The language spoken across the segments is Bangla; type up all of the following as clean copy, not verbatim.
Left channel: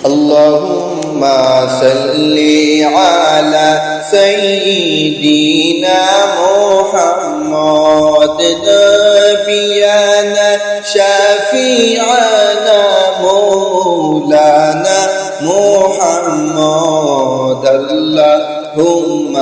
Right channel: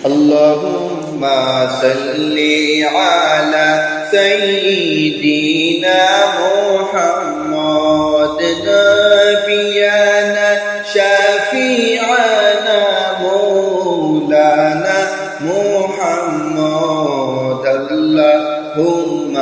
اللهم صل على سيدنا محمد نبينا شفيعنا مولانا محمد اللهم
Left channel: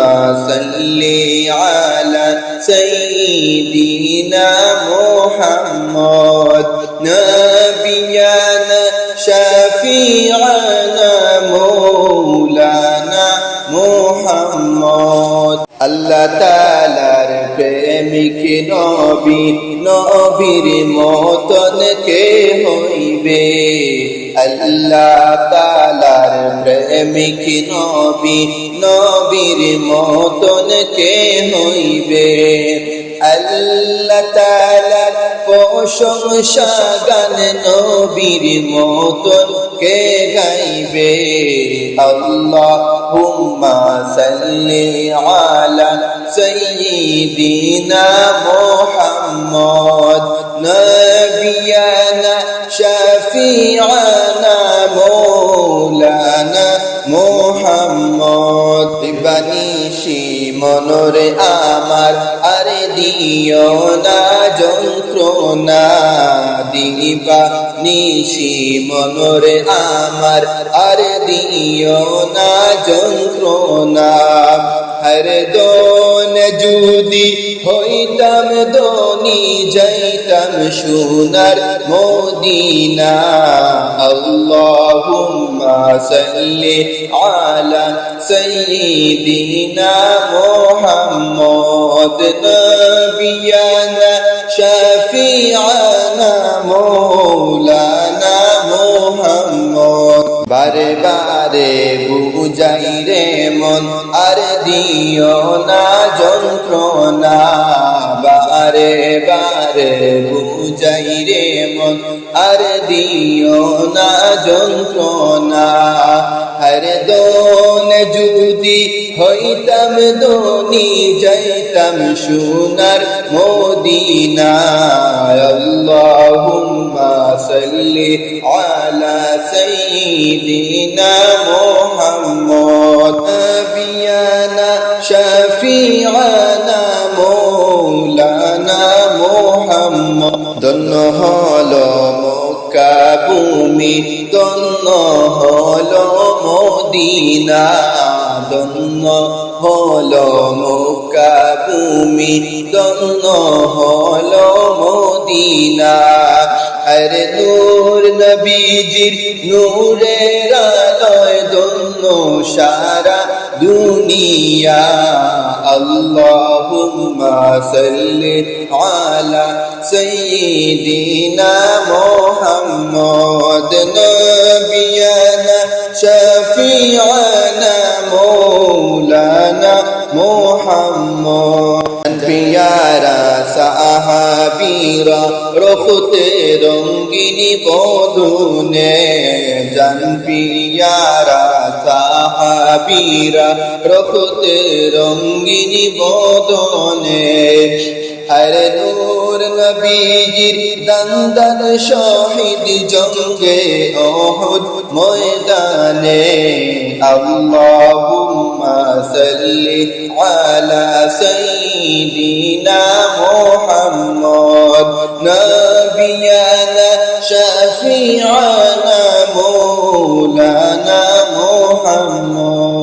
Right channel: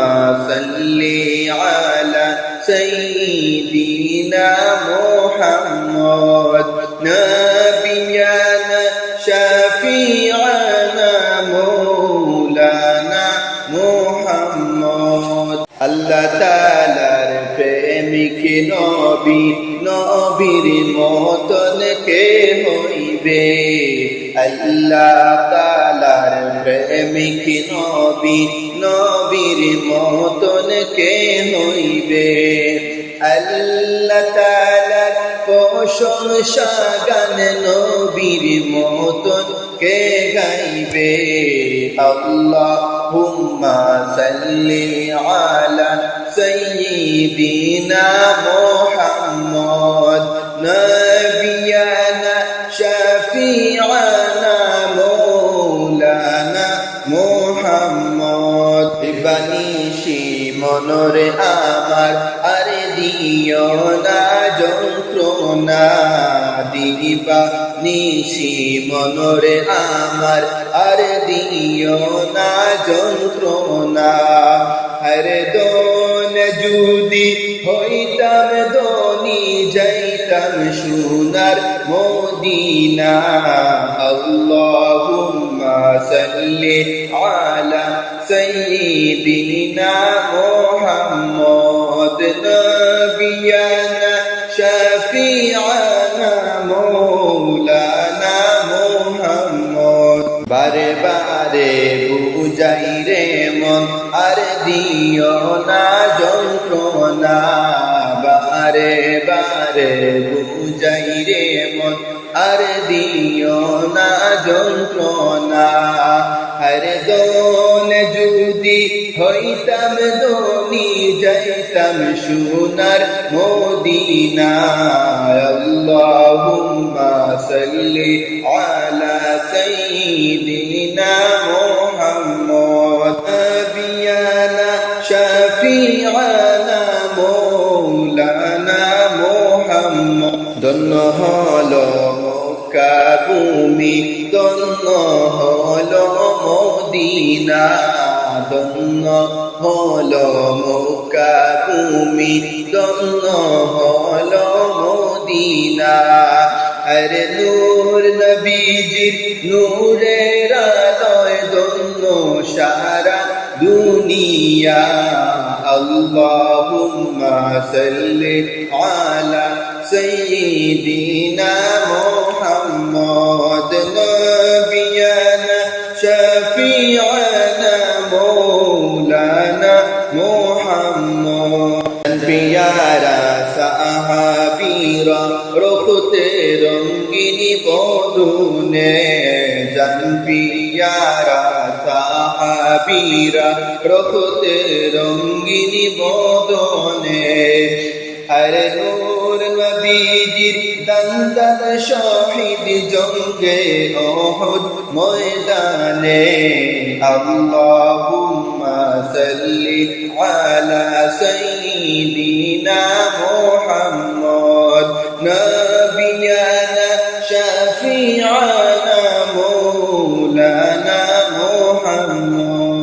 صل على سيدنا محمد نبينا شفيعنا مولانا محمد আল্লাহ তাআলার প্রেমিক নবী নবীর মতন কে হইবে আল্লাহ তাআলার প্রেমিক নবী নবীর মতন কে হইবে আল্লাহ তাআলার প্রশংসা গান নবীর মতন কে গাইবে আল্লাহুম্মা সাল্লি আলা সাইয়্যিদিনা মুহাম্মদ নবিয়ানা শাফিআনা মাওলানা মুহাম্মদ বানিশি মনরে আমার আর দিও না যন্ত্রণা দিবা নিশি মনরে আমার আর দিও না যন্ত্রণা হরে দোন যদি হইতাম দোনি যাইতাম সোনার মদিনা আল্লাহুম্মা সাল্লি আলা সাইয়্যিদিনা মুহাম্মদ নবিয়ানা শাফিআনা মাওলানা মুহাম্মদ বারে বারে বুঝাই রে মন আর দিও না যন্ত্রণা বারে বারে বুঝাই রে মন আর দিও না যন্ত্রণা হরে দোন যদি হইতাম দোনি যাইতাম সোনার মদিনা আল্লাহুম্মা সাল্লি আলা সাইয়্যিদিনা মুহাম্মদ নবিয়ানা শাফিআনা মাওলানা মুহাম্মদ ধন্য হলো মক্কা ভূমি ধন্য হলো মদিনা ধন্য হলো মক্কা ভূমি ধন্য হলো মদিনা হরে নূর নবীজির নূরের আলোয় ধন্য সারা দুনিয়া আল্লাহুম্মা সাল্লি আলা সাইয়্যিদিনা মুহাম্মদ নবিয়ানা শাফিআনা মাওলানা মুহাম্মদ পিয়ারা সাহাবীরা রখতে রঙ্গিনী বদনে জান পিয়ারা সাহাবীরা রখতে রঙ্গিনী বদনে হরে নূর নবীজির দন্দন শহীদ জঙ্গে উহুদ ময়দানে আল্লাহুম্মা সাল্লি আলা সাইয়্যিদিনা মুহাম্মদ নবিয়ানা শাফিআনা মাওলানা মুহাম্মদ